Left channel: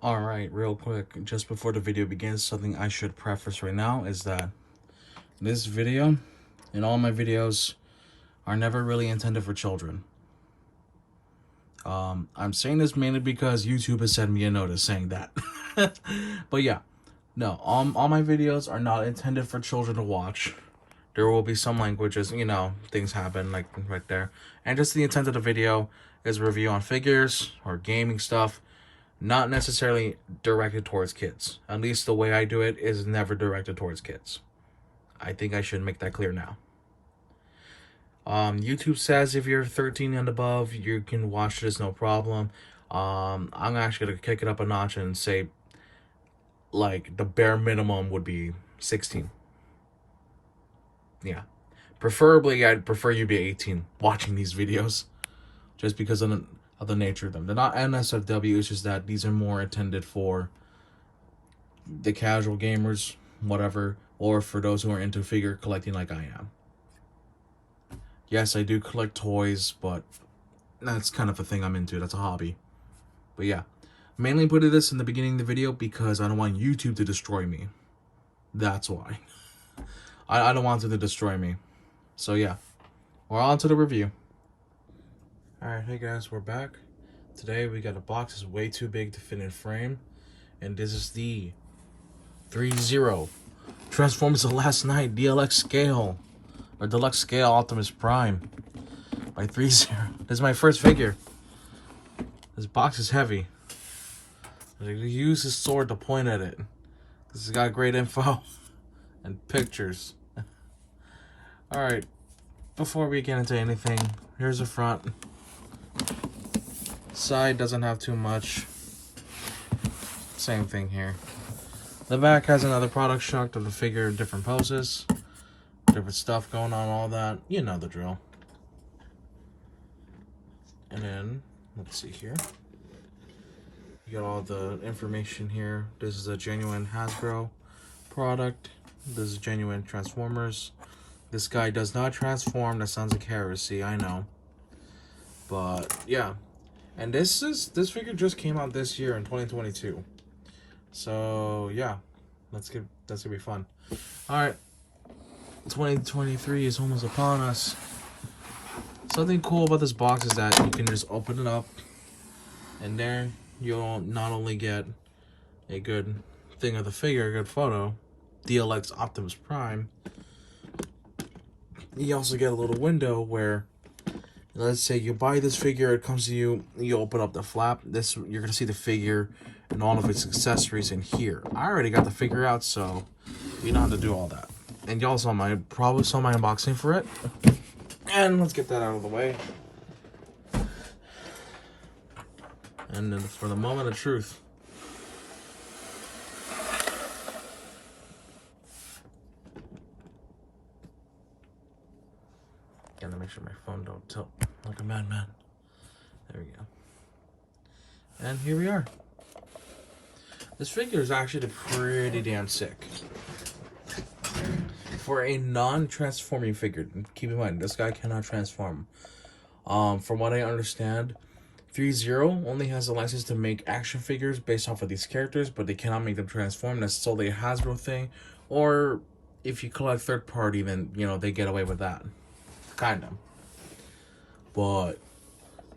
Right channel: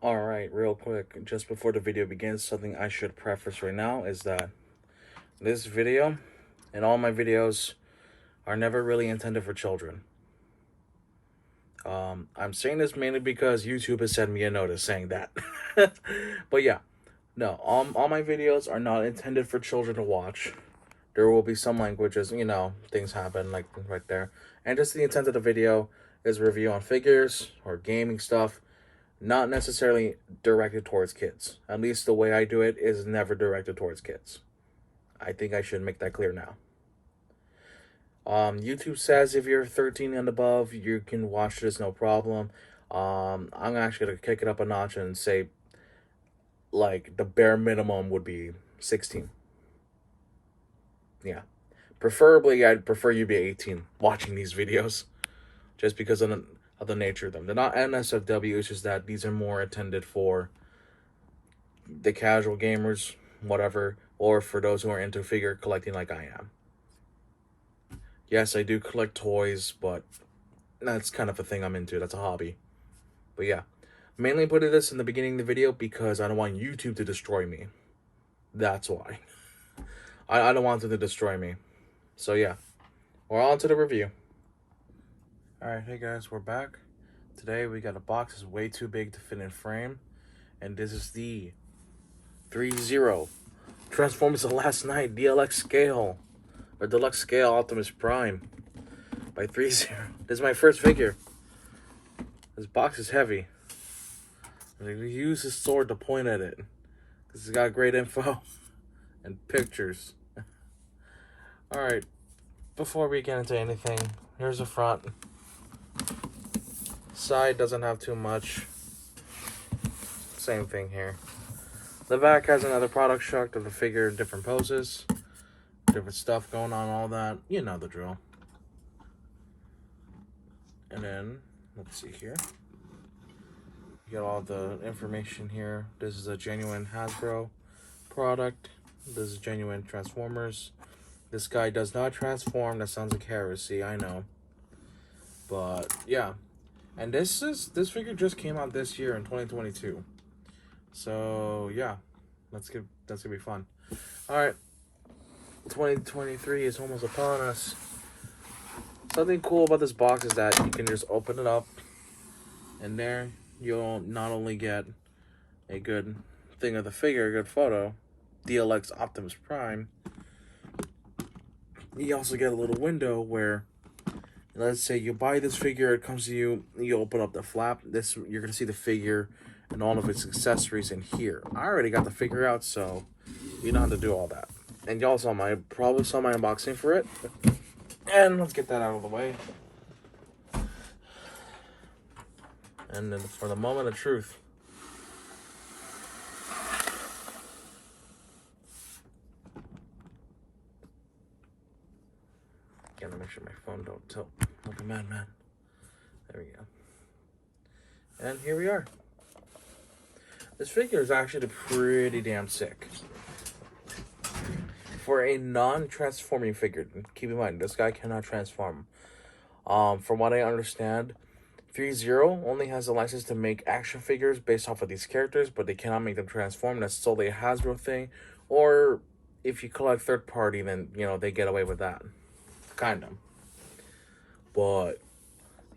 Alright, real quick, just before the video begins, something I should preface right now is that this video and all my videos are never really intended for children. I'm saying this mainly because YouTube has sent me a notice saying that. But yeah, no, all my videos are not intended for children to watch. There will be some languages, things happen like right there. And just the intent of the video is a review on figures or gaming stuff, not necessarily directed towards kids. At least the way I do it is never directed towards kids. I think I should make that clear now. YouTube says if you're 13 and above, you can watch this, no problem. I'm actually gonna kick it up a notch and say, like, the bare minimum would be 16. Yeah. Preferably, I'd prefer you be 18 watching these videos, just because of the nature of them. They're not NSFW, it's just that these are more intended for the casual gamers, whatever, or for those who are into figure collecting like I am. Yes, I do collect toys, but that's kind of a thing I'm into. That's a hobby. But yeah, mainly putting this in the beginning of the video because I don't want YouTube to destroy me. That's why. I don't want it to destroy me. So yeah, we're on to the review. Alright, hey guys, we're back. Today we got a box that's way too big to fit in frame. And this is the Threezero Transformers of Last Night DLX scale. Or Deluxe Scale Optimus Prime by Threezero. This is my first figure. This box is heavy. I use his sword to point at it. This has got great info and pictures. Alright, before we get into anything, here's the front. Side doesn't have too much. Same thing here. The back has another product shot of the figure, different poses. Different stuff going on, all that. You know the drill. And then, let's see here. You got all the information here. This is a genuine Hasbro product. This is genuine Transformers. This guy does not transform. That sounds like heresy, I know. But, yeah. And this figure just came out this year in 2022. So, yeah. That's gonna be fun. Alright. 2023 is almost upon us. Something cool about this box is that you can just open it up, and there you'll not only get a good thing of the figure, a good photo, DLX Optimus Prime, you also get a little window where, let's say you buy this figure, it comes to you, you open up the flap, you're gonna see the figure and all of its accessories in here. I already got the figure out, so you know how to do all that. And y'all probably saw my unboxing for it. And let's get that out of the way. And then for the moment of truth. Gotta make sure my phone don't tilt like a madman. There we go. And here we are. This figure is actually pretty damn sick. For a non-transforming figure, keep in mind, this guy cannot transform. From what I understand, Threezero only has a license to make action figures based off of these characters, but they cannot make them transform. That's solely a Hasbro thing. Or if you collect third party, then, they get away with that. Kind of. But,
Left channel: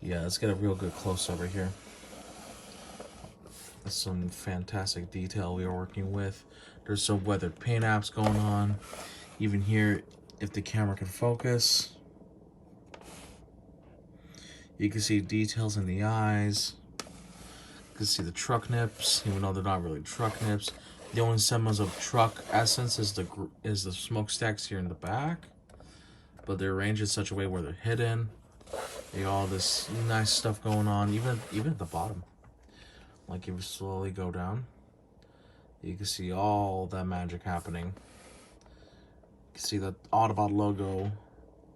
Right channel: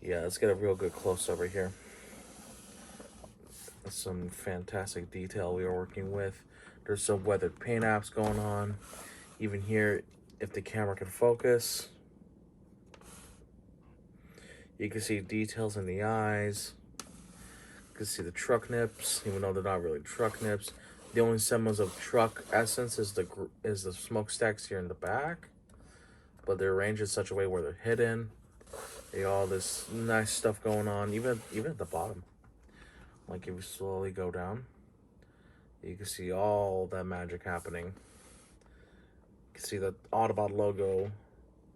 yeah, let's get a real good close-up right here. That's some fantastic detail we are working with. There's some weathered paint apps going on. Even here, if the camera can focus, you can see details in the eyes. You can see the truck nips, even though they're not really truck nips. The only semblance of truck essence is the smokestacks here in the back, but they're arranged in such a way where they're hidden. They got all this nice stuff going on, even at the bottom. Like if you slowly go down, you can see all that magic happening. You can see the Autobot logo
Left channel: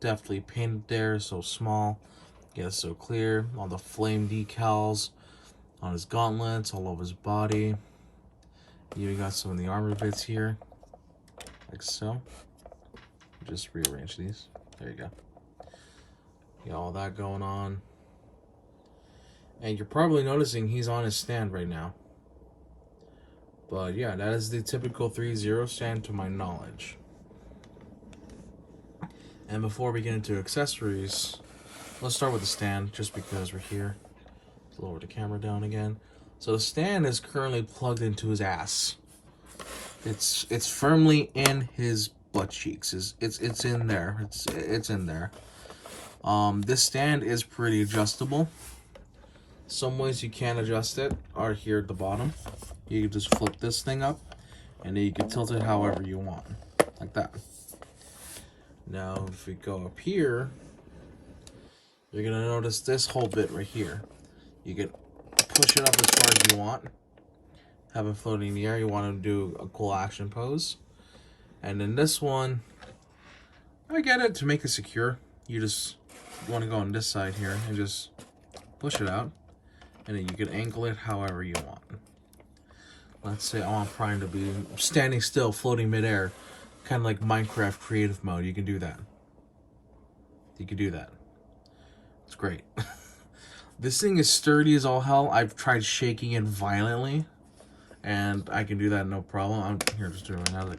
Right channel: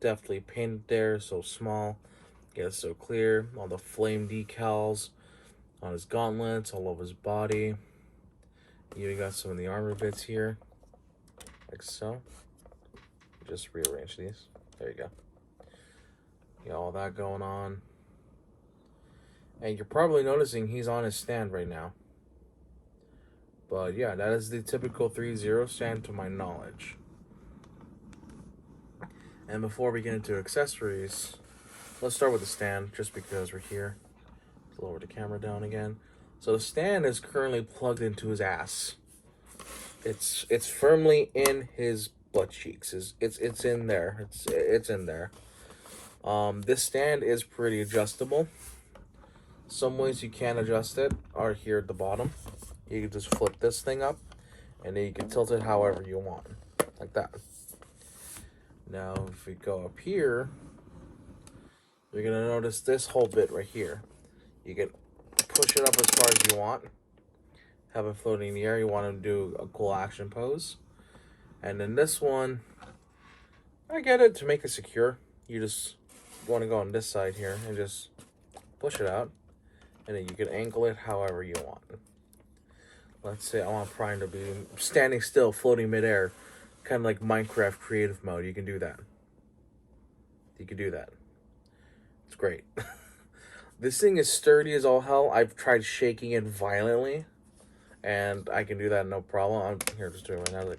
deftly painted there, so small, yet so clear. All the flame decals on his gauntlets, all over his body. You got some of the armor bits here, like so. Just rearrange these. There you go. You got all that going on. And you're probably noticing he's on his stand right now. But yeah, that is the typical Threezero stand to my knowledge. And before we get into accessories, let's start with the stand, just because we're here. Let's lower the camera down again. So the stand is currently plugged into his ass. It's firmly in his butt cheeks. It's in there. It's in there. This stand is pretty adjustable. Some ways you can adjust it are here at the bottom. You can just flip this thing up, and then you can tilt it however you want, like that. Now, if we go up here, you're gonna notice this whole bit right here. You can push it up as far as you want, have it floating in the air. You want to do a cool action pose. And then this one, I get it, to make it secure. You just want to go on this side here and just push it out. And then you can angle it however you want. Let's say I want Prime to be standing still, floating midair, kind of like Minecraft creative mode. You can do that. You can do that. It's great. This thing is sturdy as all hell. I've tried shaking it violently, and I can do that no problem. I'm here just doing another.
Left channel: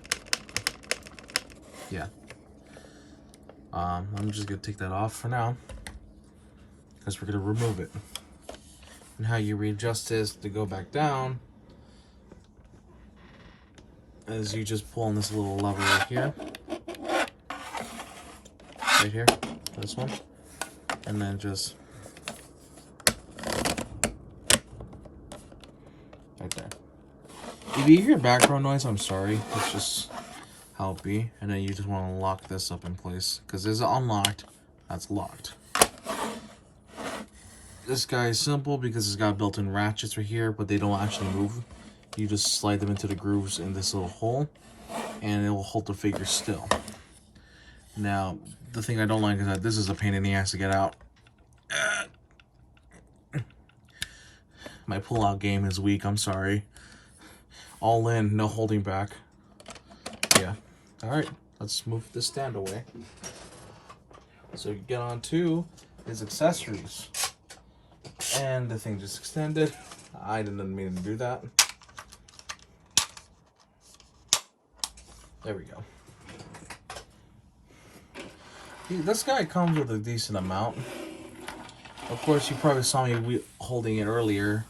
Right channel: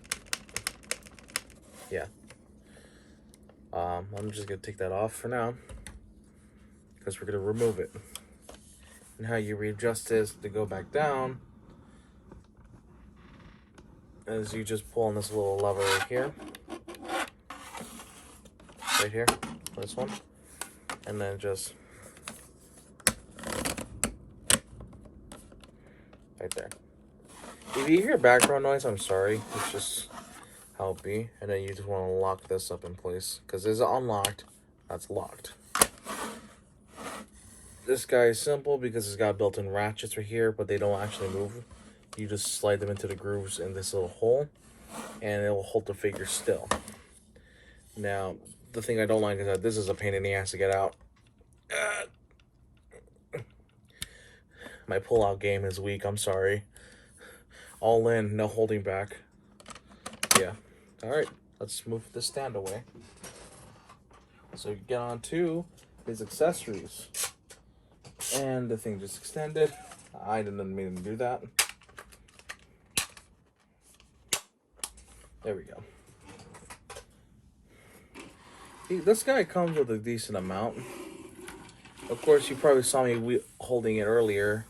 Yeah. I'm just gonna take that off for now, because we're gonna remove it. And how you readjust this to go back down is you just pull on this little lever right here, this one, and then just right there. If you hear background noise, I'm sorry. It's just how it be. And then you just want to lock this up in place, because this is unlocked. That's locked. This guy is simple because it's got built-in ratchets right here, but they don't actually move. You just slide them into the grooves in this little hole, and it will hold the figure still. Now, the thing I don't like is that this is a pain in the ass to get out. My pull-out game is weak, I'm sorry. All in, no holding back. Yeah. Alright, let's move this stand away. So you get on to his accessories. And the thing just extended. I didn't mean to do that. There we go. This guy comes with a decent amount. Of course, you probably saw me holding it earlier,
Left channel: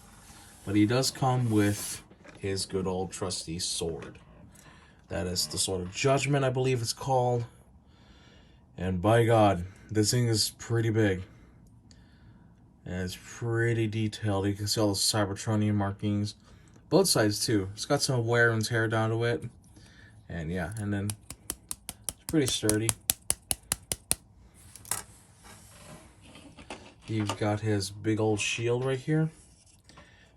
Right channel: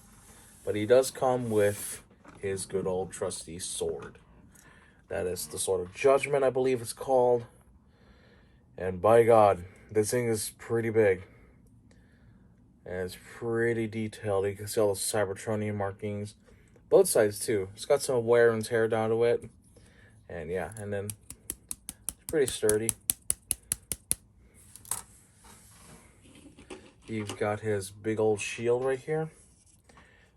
but he does come with his good old trusty sword. That is the Sword of Judgment, I believe it's called. And by God, this thing is pretty big. And it's pretty detailed. You can see all the Cybertronian markings. Both sides, too. It's got some wear and tear down to it. And yeah, and then it's pretty sturdy. You've got his big old shield right here.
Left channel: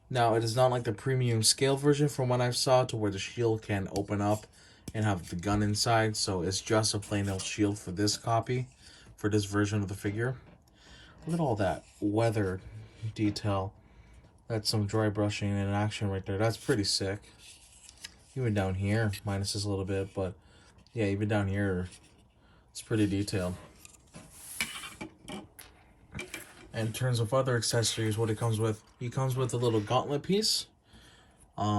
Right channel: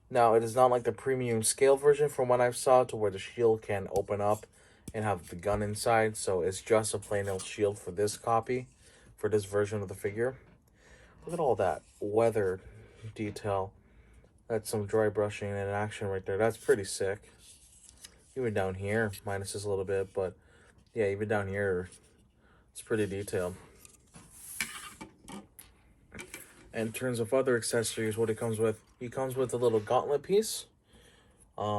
Now, it is not like the premium scale version from what I saw, to where the shield can open up and have the gun inside. So it's just a plain old shield for this copy, for this version of the figure. Look at all that weather detail. That's some dry brushing in action right there. That's pretty sick. Even down here, minus this a little bit, but yeah, even down here, it's pretty detailed. And in terms of other accessories, what it comes with a little gauntlet piece.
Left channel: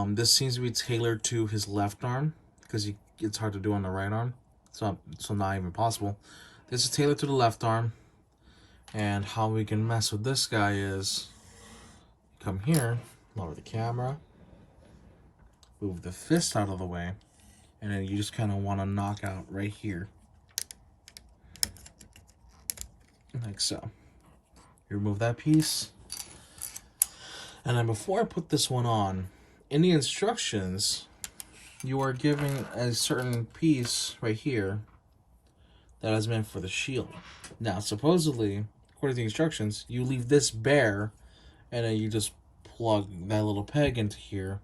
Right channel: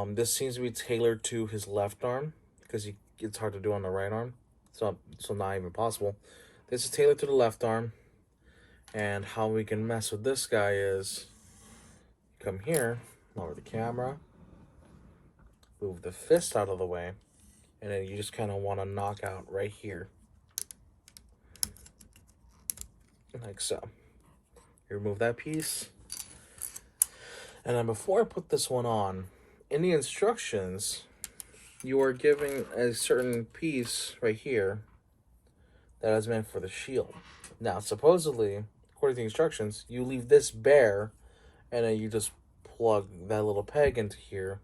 This seems to be tailored to his left arm, because it's hard to do on the right arm. So not even possible. This is tailored to the left arm. And how we can mess with this guy is come here, lower the camera, move the fist out of the way, and then you just kind of want to knock out right here. Like so. You remove that piece. And then before I put this one on, in the instructions, you are given a certain piece right here that is meant for the shield. Now, supposedly, according to the instructions, you leave this bare, and then you just plug that little peg into here,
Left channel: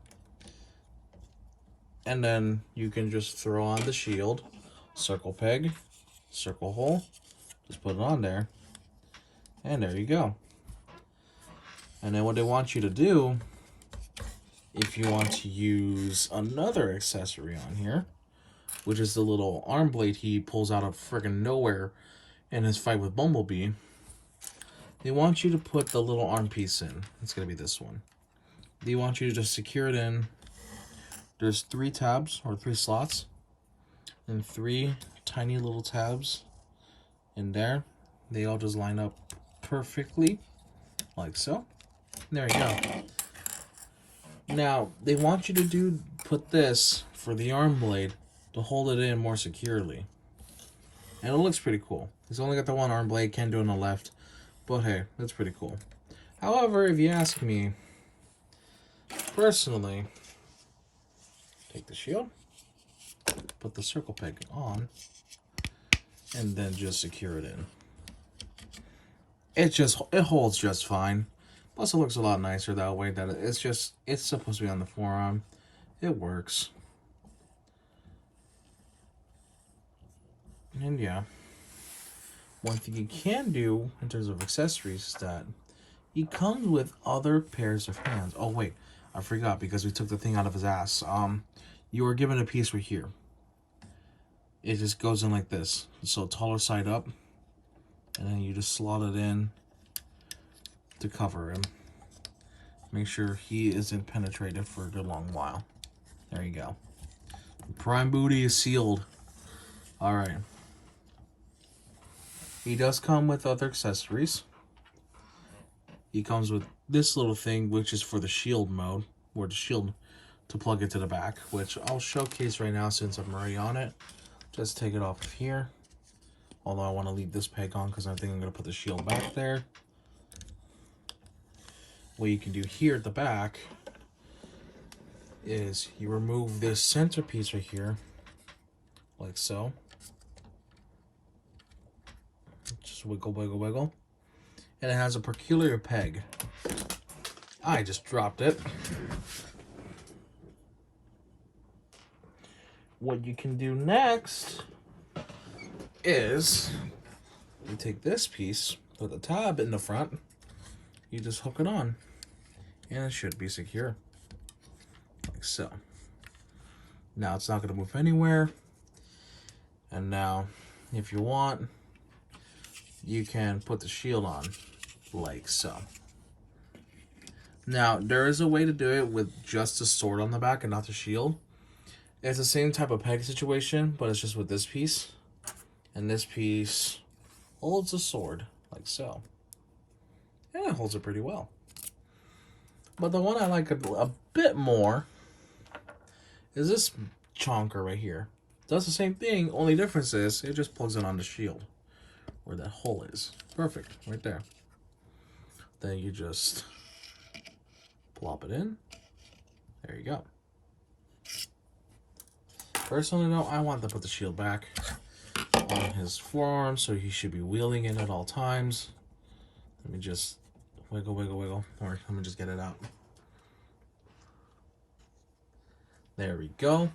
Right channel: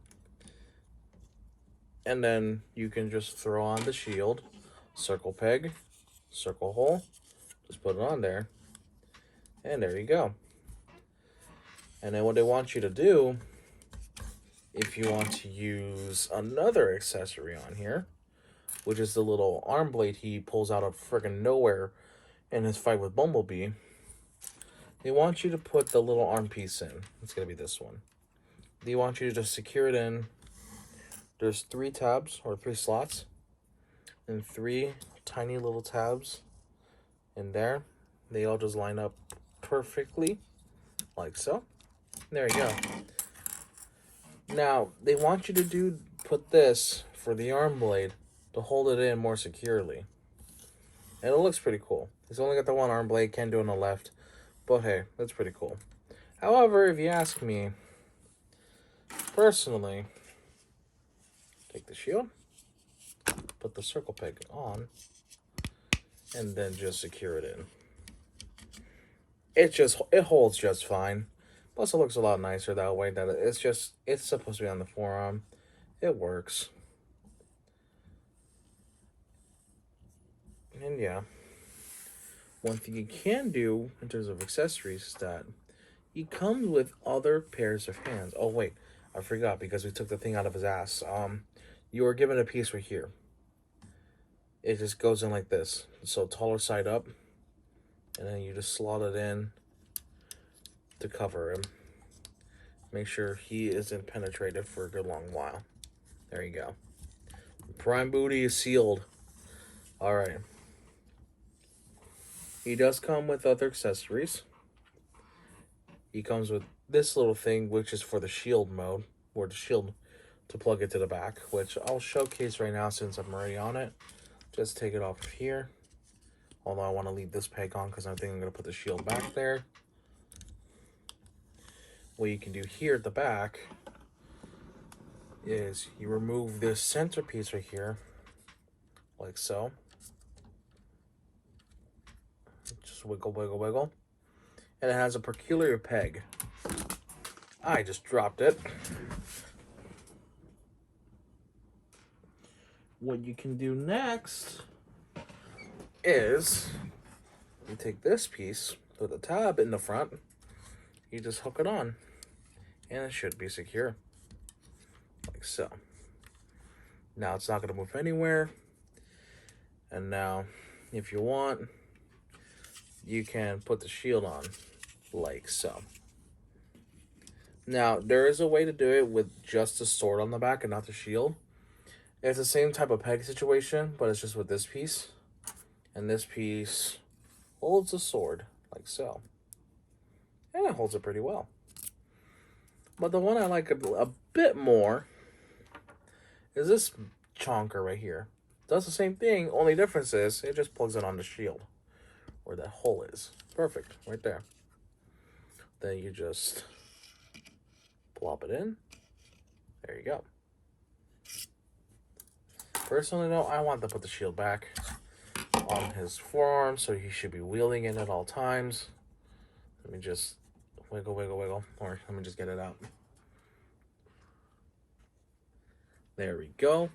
and then you can just throw on the shield, circle peg, circle hole, just put it on there, and there you go. And then what they want you to do, if you want to use another accessory on here, which is the little arm blade he pulls out of friggin' nowhere in his fight with Bumblebee, they want you to put the little arm piece in. It's going to be this one. They want you to just secure it in There's 3 tabs or 3 slots and 3 tiny little tabs in there. They all just line up perfectly like so. There you go. Now, they want you to put this for the arm blade to hold it in more securely. And it looks pretty cool. It's only got the one arm blade, can't do it on the left. But hey, that's pretty cool. However, if you ask me, personally, take the shield, put the circle peg on, and then just secure it in. It holds just fine. Plus, it looks a lot nicer that way. That it's supposed to be on the forearm. It works. And yeah, one thing you can do in terms of accessories is that he comes with other pairs of hands. Oh wait, I forgot because we took the thing out of his ass. You were given a piece right here. It just goes in like this. So taller side up, and then you just slot it in to cover him. Make sure he isn't penetrated for a good long while. There you go. Prime booty is sealed. Alright. He does come with other accessories. He comes with this little thing, which is for the shield mode, or the shield to plug it to the back, which I'll showcase right now since I'm already on it. Just take it off of here. Although I want to leave this peg on because I think I'm going to put the shield back there. What you can do here at the back is you remove this centerpiece right here, like so. Just wiggle, wiggle, wiggle. And it has a peculiar peg. I just dropped it. What you can do next is you take this piece with a tab in the front, you just hook it on, and it should be secure, like so. Now it's not going to move anywhere. And now, if you want, you can put the shield on, like so. Now, there is a way to do it with just the sword on the back and not the shield. It's the same type of peg situation, but it's just with this piece. And this piece holds the sword, like so. And it holds it pretty well. But the one I like a bit more is this chonker right here. Does the same thing, only difference is it just plugs it on the shield. Where that hole is. Perfect, right there. Then you just plop it in. There you go. Personally though, I want to put the shield back on his forearm, so he should be wielding it at all times. Let me just wiggle, wiggle, wiggle. Or let me just get it out. There we go.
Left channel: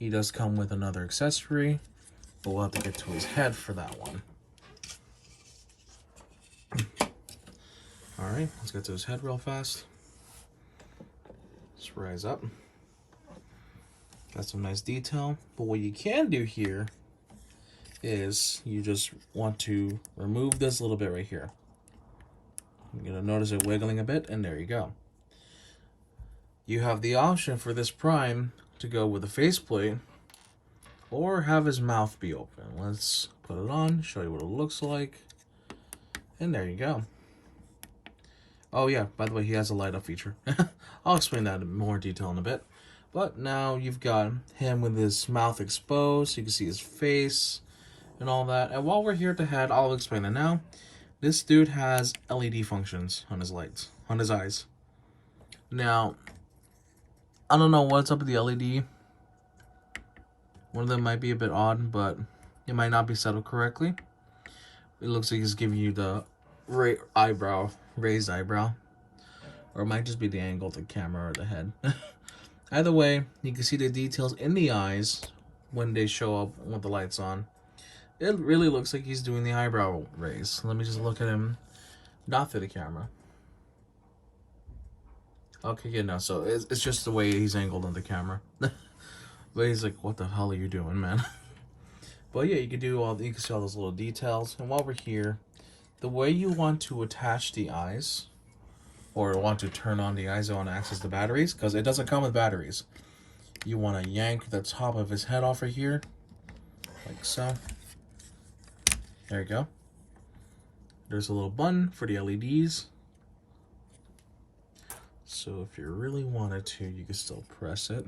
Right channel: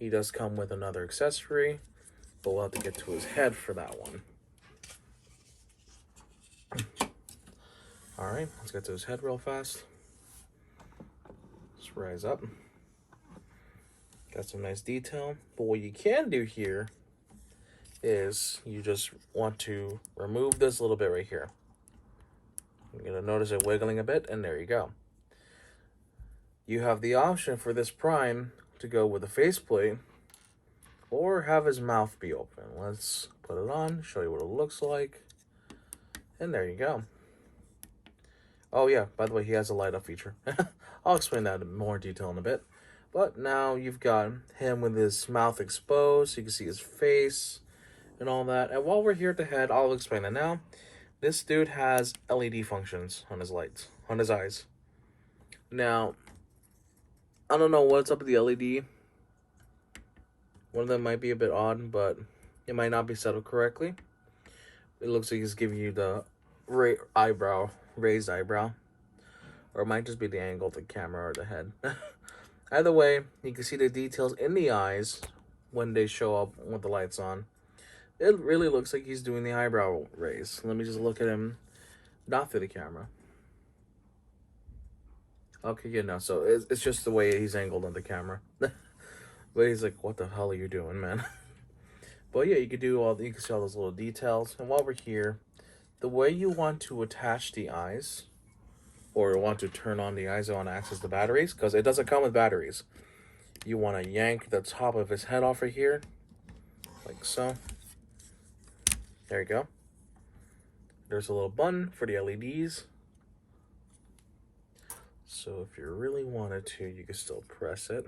He does come with another accessory, but we'll have to get to his head for that one. Alright, let's get to his head real fast. Let's rise up. Got some nice detail. But what you can do here is you just want to remove this little bit right here. You're going to notice it wiggling a bit, and there you go. You have the option for this prime to go with a faceplate or have his mouth be open. Let's put it on, show you what it looks like, and there you go. Oh yeah, by the way, he has a light up feature. I'll explain that in more detail in a bit. But now you've got him with his mouth exposed, so you can see his face and all that. And while we're here at the head, I'll explain it now. This dude has LED functions on his lights, on his eyes. Now, I don't know what's up with the LED. One of them might be a bit odd, but it might not be set up correctly. It looks like he's giving you the raised eyebrow. Or it might just be the angle of the camera or the head. Either way, you can see the details in the eyes when they show up with the lights on. It really looks like he's doing the eyebrow raise. Let me just look at him, not through the camera. Okay, yeah, no, so it's just the way he's angled on the camera. But he's like, what the hell are you doing, man? But yeah, you can see all those little details. And while we're here, the way you want to attach the eyes or want to turn on the ISO and access the batteries, because it doesn't come with batteries. You want to yank the top of his head off right here, like so. There you go. There's a little button for the LEDs. So if you really wanted to, you can still press it.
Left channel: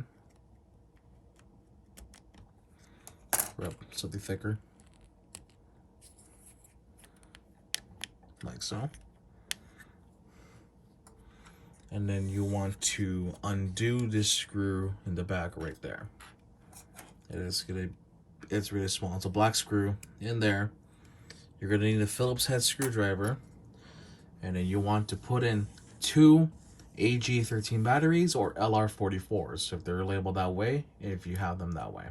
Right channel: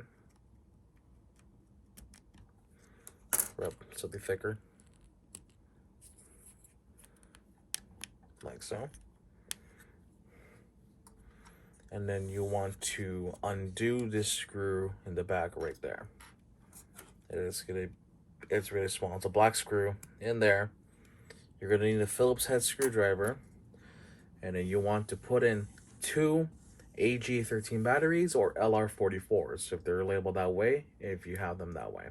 Rub something thicker. Like so. And then you want to undo this screw in the back right there. It's really small. It's a black screw in there. You're gonna need a Phillips head screwdriver, and then you want to put in 2 AG13 batteries or LR44s if they're labeled that way, if you have them that way.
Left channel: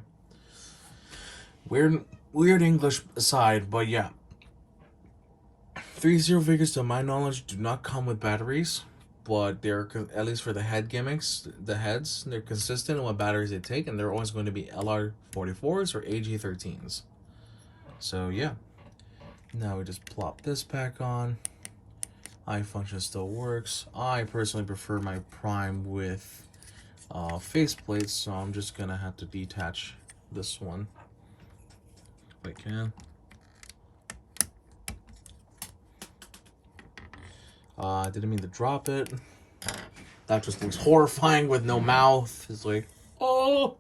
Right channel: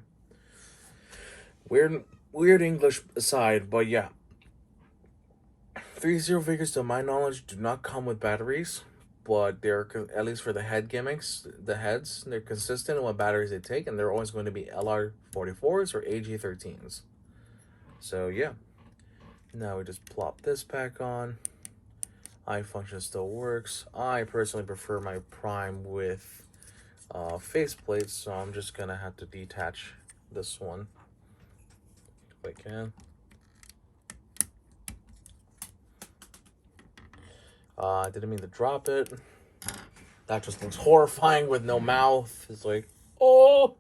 Weird English aside, but yeah. Threezero figures, to my knowledge, do not come with batteries, but they're, at least for the head gimmicks, the heads, they're consistent in what batteries they take, and they're always going to be LR44s or AG13s. So yeah. Now we just plop this back on. Eye function still works. I personally prefer my Prime with faceplates, so I'm just gonna have to detach this one if I can. I didn't mean to drop it. That just looks horrifying with no mouth. It's like, oh!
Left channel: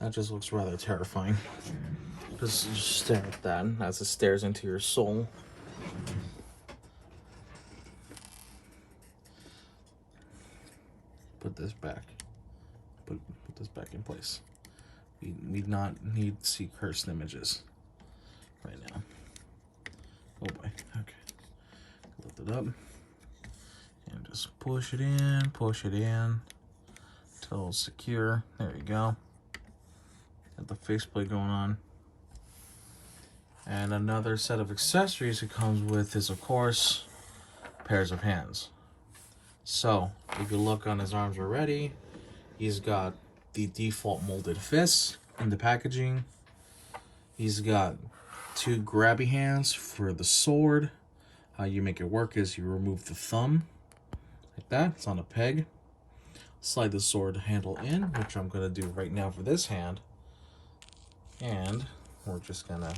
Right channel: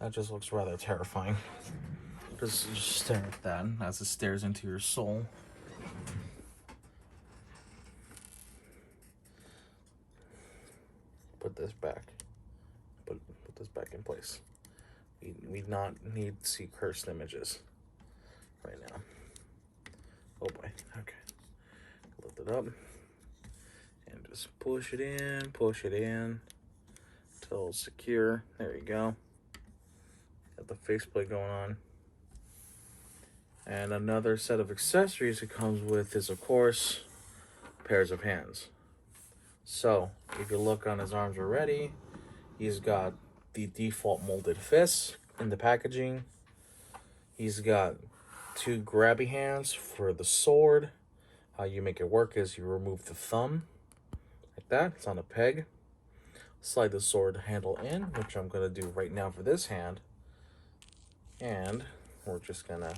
That just looks rather terrifying. Just stare at that as it stares into your soul. Put this back. Put this back in place. We not need to see cursed images right now. Oh boy. Okay. Lift it up. And just push it in until it's secure. There you go. Got the faceplate going on. And another set of accessories it comes with is, of course, pairs of hands. So, you can look on his arms already. He's got the default molded fists in the packaging. He's got 2 grabby hands for the sword. How you make it work is you remove the thumb, like that. It's on a peg. Slide the sword handle in, which I'm going to do right now for this hand. And we're just going to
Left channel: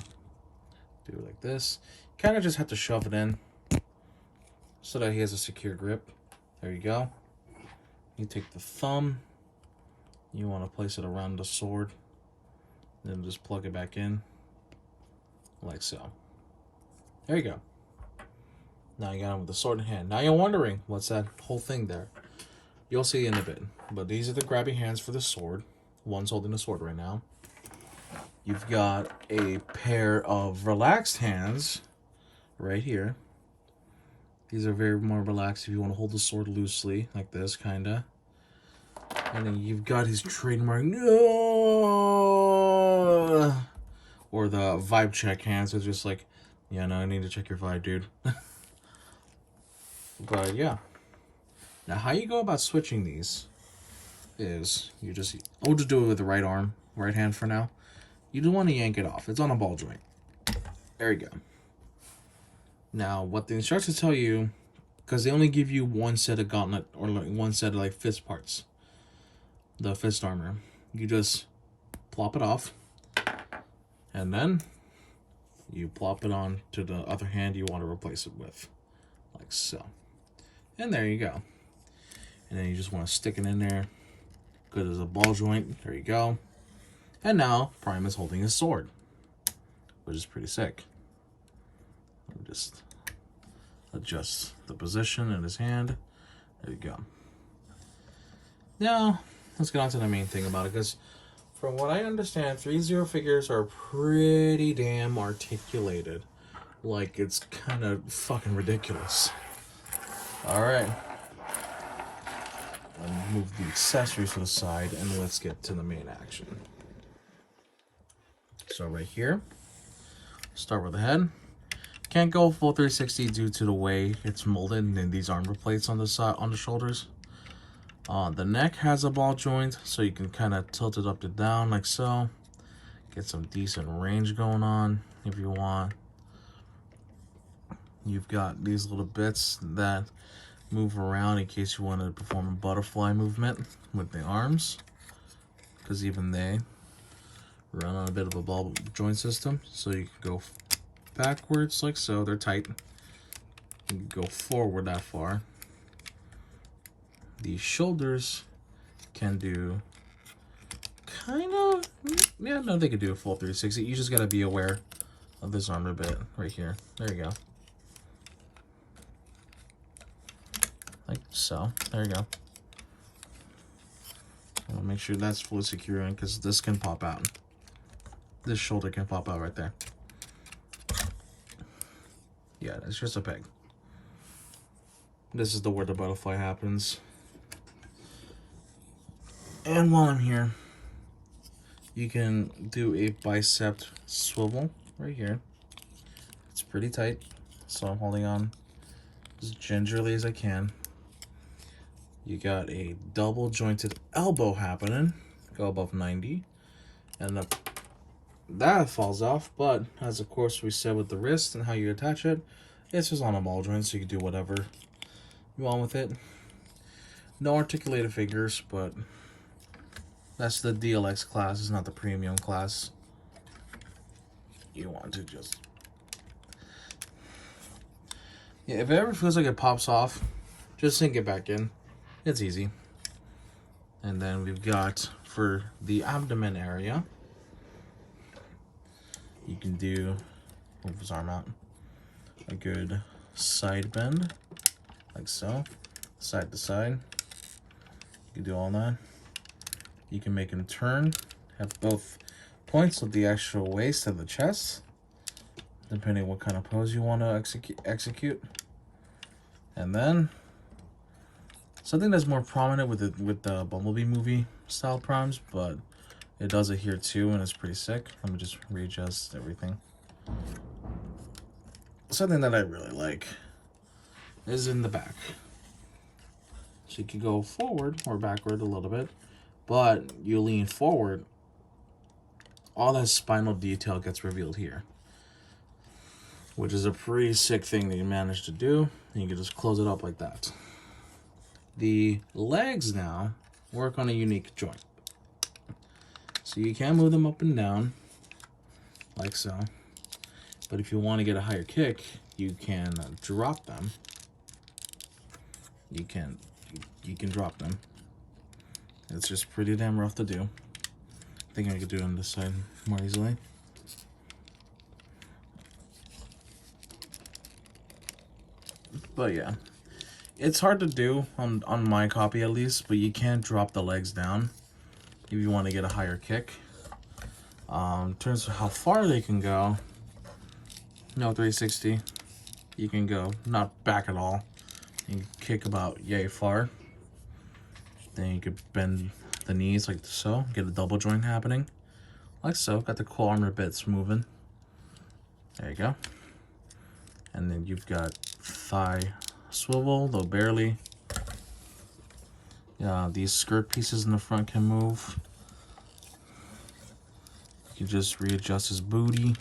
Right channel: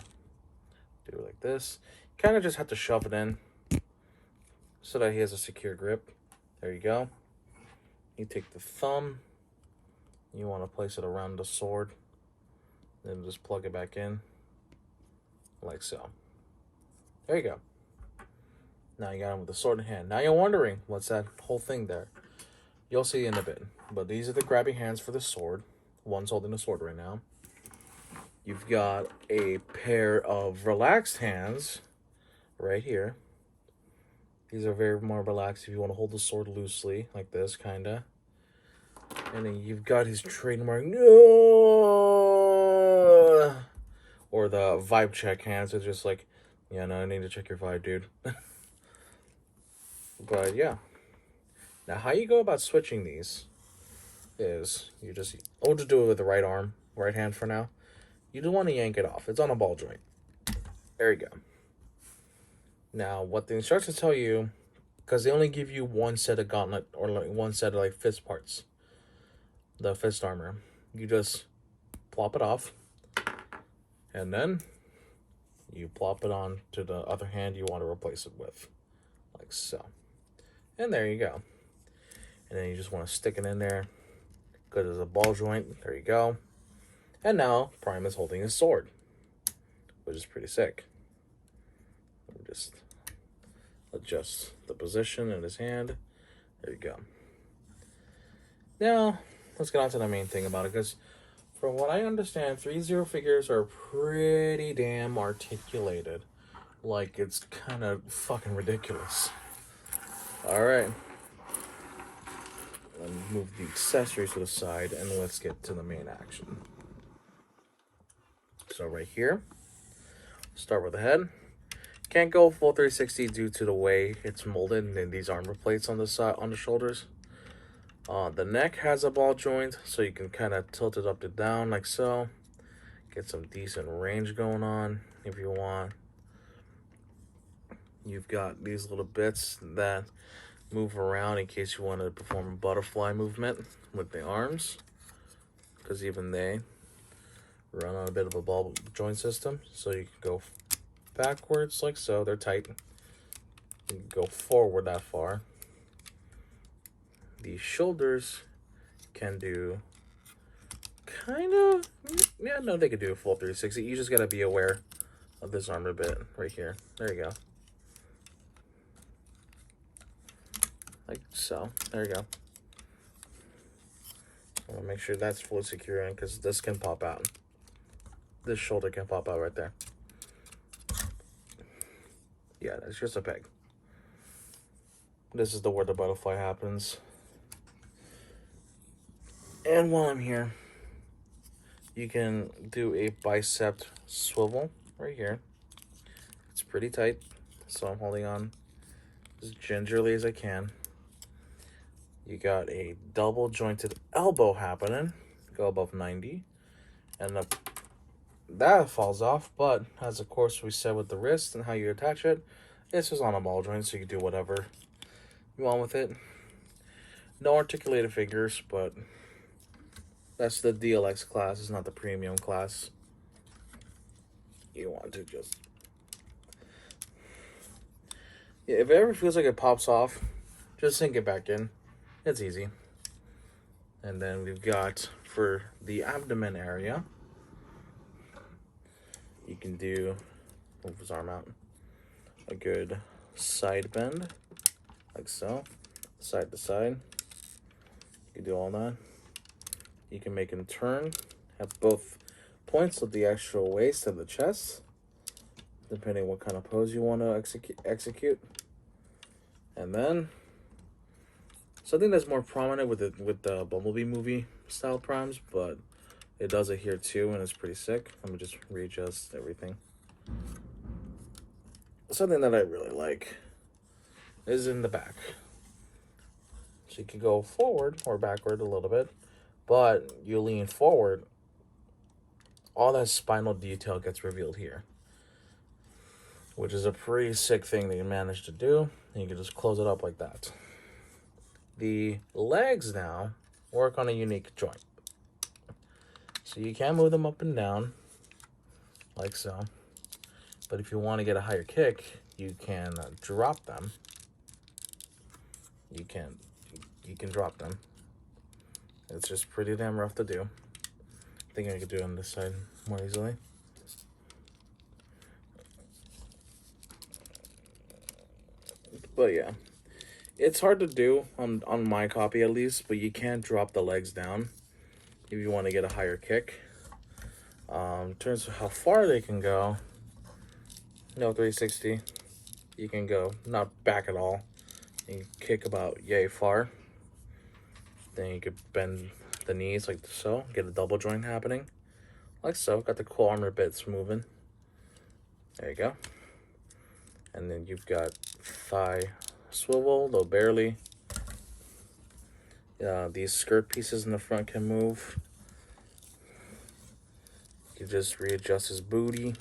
do it like this. Kind of just have to shove it in so that he has a secure grip. There you go. You take the thumb. You want to place it around the sword. Then just plug it back in. Like so. There you go. Now you got him with the sword in hand. Now you're wondering, what's that whole thing there? You'll see in a bit. But these are the grabby hands for the sword. One's holding the sword right now. You've got a pair of relaxed hands right here. These are very more relaxed if you want to hold the sword loosely, like this, kind of. And then you've got his trademark, no, or the vibe check hands. It's just like, yeah, no, I need to check your vibe, dude. But yeah. Now, how you go about switching these is you just, I'll just do it with the right arm, right hand for now. You don't want to yank it off. It's on a ball joint. There you go. Now, what the instructions tell you, because they only give you one set of gauntlet, or like one set of like fist parts, the fist armor. You just plop it off, and then you plop it on to the other hand you want to replace it with, like so. And there you go. And then you just want to stick it in there, because there's a ball joint. There you go. And now Prime is holding his sword, which is pretty sick. Let me just adjust the position in his hand. There you go. Now, let's get on to the main thing about it, because from what I understand, Threezero figures are pretty damn articulated. Like, it's kind of fucking ridiculous. Alright. Let me move the accessories to the side, and let's get to the main action. So right here, start with the head. Can't go full 360 due to the way it's molded and these armor plates on the side, on the shoulders. The neck has a ball joint, so you can kind of tilt it up and down like so. Get some decent range going on if you want. You've got these little bits that move around in case you want to perform a butterfly movement with the arms, because even they run on a bit of a ball joint system. So you can go backwards like so, they're tight. You can go forward that far. The shoulders can do kind of, yeah, no, they could do a full 360. You just gotta be aware of this armor bit right here. There you go. Like so. There you go. I want to make sure that's fully secure in, because this can pop out. This shoulder can pop out right there. Yeah, it's just a peg. This is where the butterfly happens. And while I'm here, you can do a bicep swivel right here. It's pretty tight, so I'm holding on as gingerly as I can. You got a double jointed elbow happening. Go above 90. And that falls off, but as of course we said with the wrist and how you attach it, it's just on a ball joint, so you can do whatever you want with it. No articulated figures, but that's the DLX class, it's not the premium class. You want to just... yeah, if it ever feels like it pops off, just sink it back in. It's easy. And then we've got, for the abdomen area, you can do, move his arm out, a good side bend, like so, side to side. You can do all that. You can make him turn, have both points of the actual waist and the chest, depending on what kind of pose you want to execute. And then something that's more prominent with the Bumblebee movie style primes, but it does it here too, and it's pretty sick. Let me just readjust everything. Something that I really like is in the back. So you can go forward or backward a little bit, but you lean forward, all that spinal detail gets revealed here, which is a pretty sick thing that you managed to do. And you can just close it up like that. The legs now work on a unique joint. So you can move them up and down, like so. But if you want to get a higher kick, you can drop them. You can drop them. It's just pretty damn rough to do. I think I could do it on this side more easily. But yeah, it's hard to do on my copy at least, but you can drop the legs down if you want to get a higher kick. In terms of how far they can go, no 360. You can go not back at all. You can kick about yay far. Then you could bend the knees like so, get a double joint happening, like so. Got the cool armor bits moving. There you go. And then you've got thigh swivel, though barely. These skirt pieces in the front can move. You can just readjust his booty,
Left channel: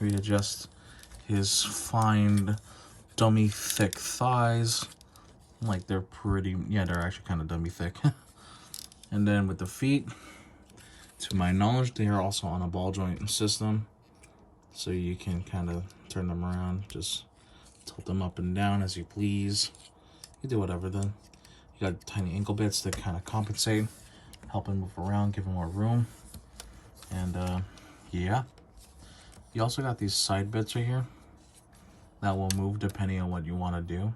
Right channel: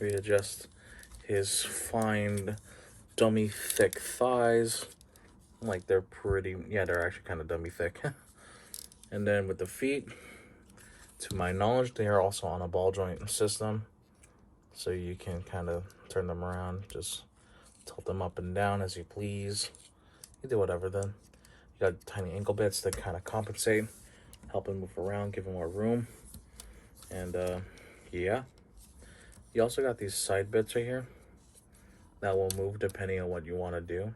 readjust his fine, dummy thick thighs. Like they're pretty, yeah, they're actually kind of dummy thick. And then with the feet, to my knowledge, they are also on a ball joint system. So you can kind of turn them around, just tilt them up and down as you please. You do whatever then. You got tiny ankle bits that kind of compensate, help him move around, give him more room. And yeah. You also got these side bits right here that will move depending on what you want to do.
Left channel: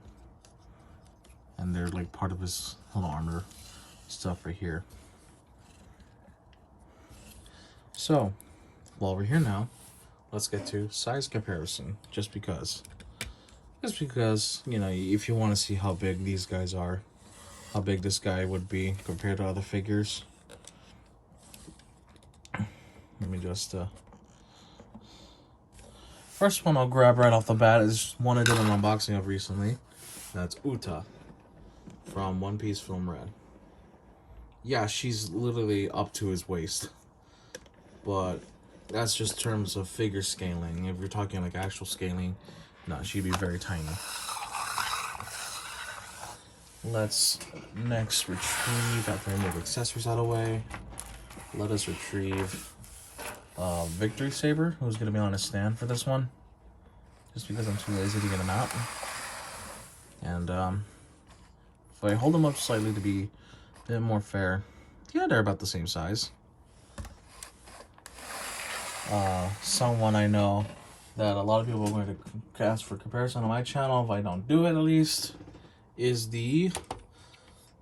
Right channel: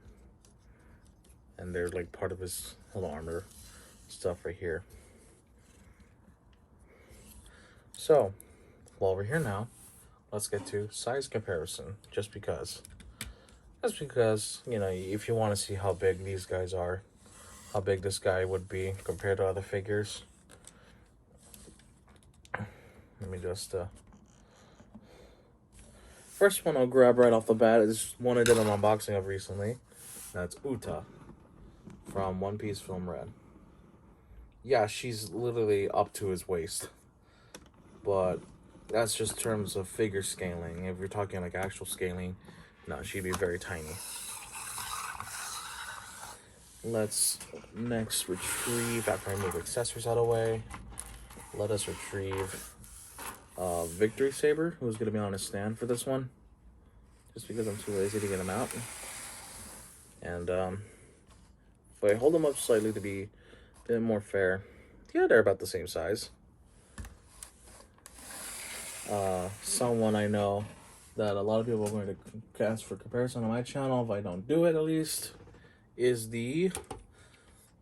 And they're like part of his little armor stuff right here. So, while we're here now, let's get to size comparison, just because, you know, if you want to see how big these guys are, how big this guy would be compared to other figures. Let me just, first one I'll grab right off the bat is one I did an unboxing of recently. That's Uta from One Piece Film Red. Yeah, she's literally up to his waist. But that's just terms of figure scaling. If you're talking like actual scaling, No, she'd be very tiny. Let's next retrieve, after I move accessories out of the way, let us retrieve Victory Saber, who's going to be on a stand for this one. Just because I'm too lazy to get him out. And if I hold them up slightly to be a bit more fair, yeah, they're about the same size. Someone I know that a lot of people are going to ask for comparison on my channel, if I don't do it at least, is the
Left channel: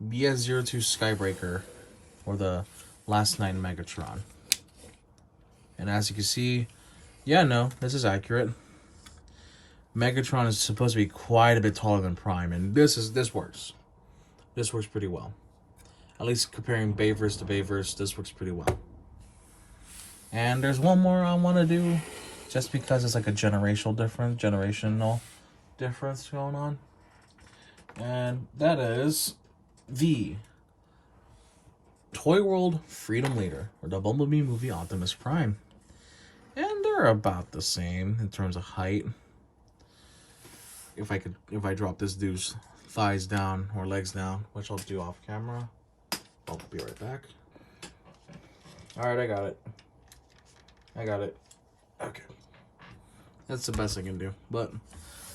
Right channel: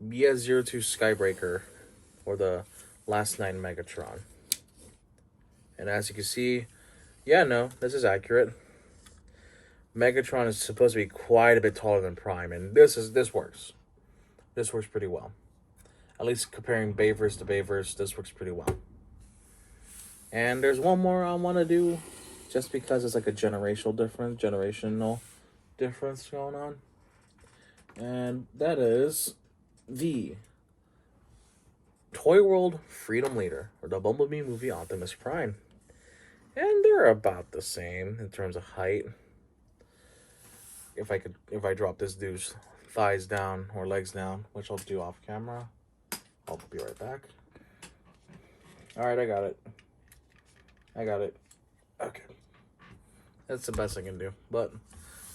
BS02 Skybreaker, or the Last Night Megatron. And as you can see, yeah, no, this is accurate. Megatron is supposed to be quite a bit taller than Prime, and this works. This works pretty well. At least comparing Bayverse to Bayverse, this works pretty well. And there's one more I want to do, just because it's like a generational difference going on. And that is the Toy World Freedom Leader, or the Bumblebee movie Optimus Prime. And they're about the same in terms of height. If I drop this dude's thighs down or legs down, which I'll do off camera, I'll be right back. All right, I got it. Okay, that's the best I can do. But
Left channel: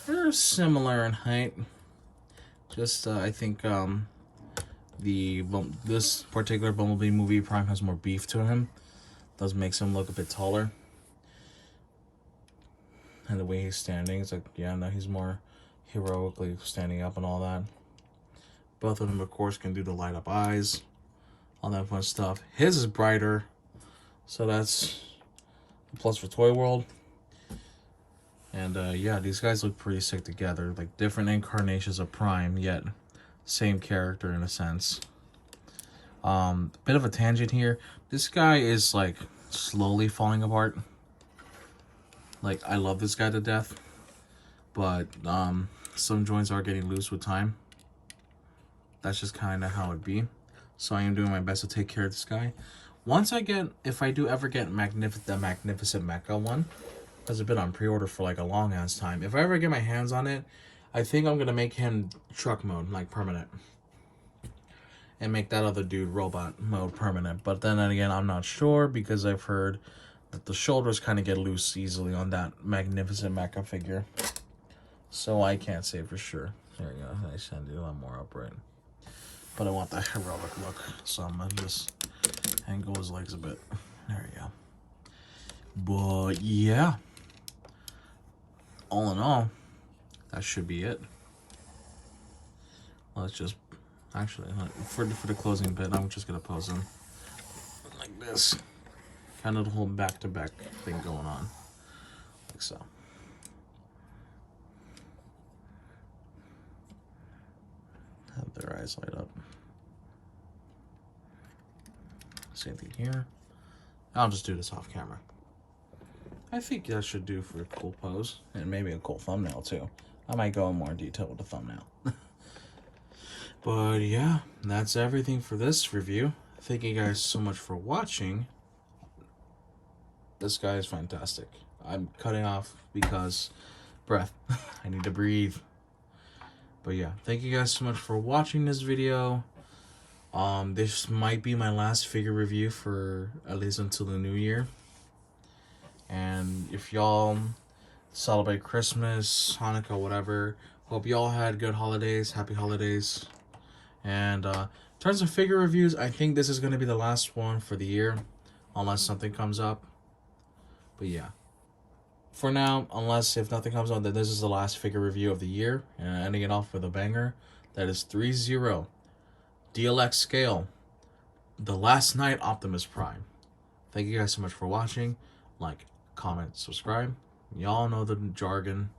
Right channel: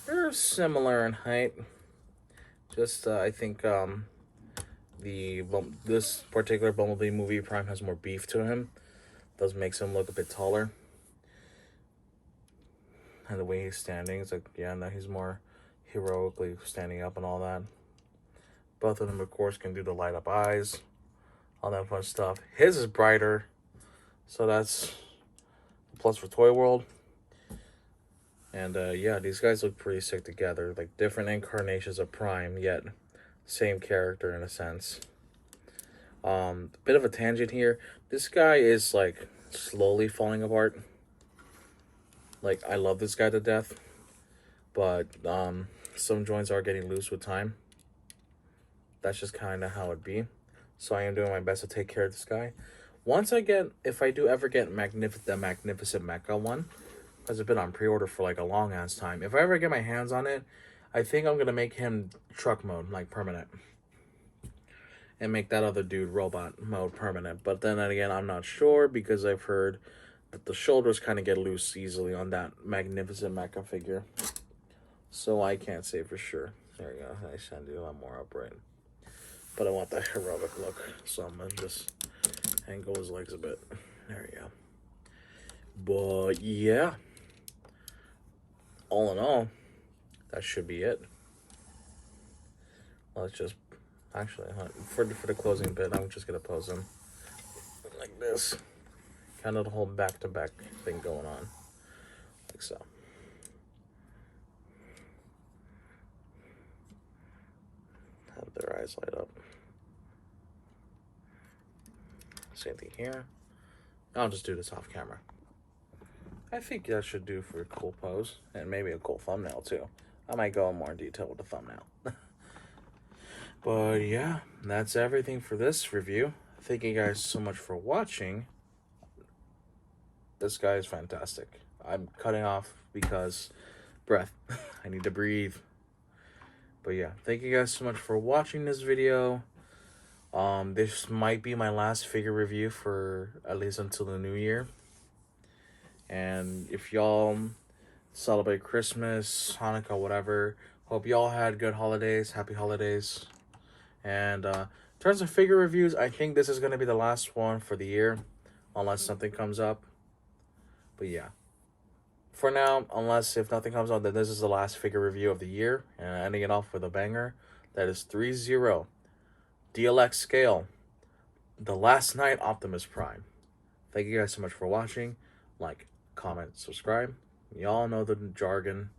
they're similar in height. Just I think this particular Bumblebee movie Prime has more beef to him. Does makes him look a bit taller. And the way he's standing, it's like, yeah, no, he's more heroically standing up and all that. Both of them, of course, can do the light up eyes, all that fun stuff. His is brighter, so that's a plus for Toy World. And yeah, these guys look pretty sick together, like different incarnations of Prime, yet same character in a sense. Bit of a tangent here. This guy is like slowly falling apart. Like, I love this guy to death, but some joints are getting loose with time. That's just kind of how it be. So I am doing my best to take care of this guy. Once I get, if I do ever get the Magnificent Mecha one, because it's been on pre-order for like a long ass time. If I ever get my hands on it, I think I'm gonna make him truck mode, like permanent, and make that other dude robot mode permanent. But then again, I'm not sure, because I've heard that the shoulders kind of get loose easily on that Magnificent Mecha figure. So I can't say for sure. There you go. I should do a lot more upright. But I want that heroic look, so I'm gonna just angle his legs a bit. There you go. But yeah, all in all, that should be it. Let's just, actually, for the closing bit, I'm just gonna pose him like this. Kind of the whole back-to-back thing going on, like so. Have their eyes light up. Same thing here. I'll just do this off camera. I think that should do for a cool pose, and maybe a cool thumbnail too. I might go in more detail with the thumbnail. But yeah, that's everything for this review. Thank you guys so much for watching. This guy is fantastic. I'm cutting off because breath. I need to breathe. But yeah, thank you guys so much for watching this video. This might be my last figure review for at least until the new year. And if y'all celebrate Christmas, Hanukkah, whatever, hope y'all had good holidays, happy holidays. And in terms of figure reviews, I think this is going to be the last one for the year, unless something comes up. But yeah, for now, if nothing comes on, then this is the last figure review of the year. And ending it off with a banger. That is Threezero, DLX scale, the Last Night Optimus Prime. Thank you guys so much for watching. Like, comment, subscribe. Y'all know the jargon.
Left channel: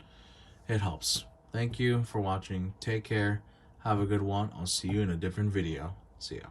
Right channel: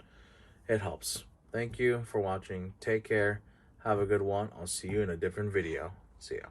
It helps. Thank you for watching. Take care. Have a good one. I'll see you in a different video. See ya.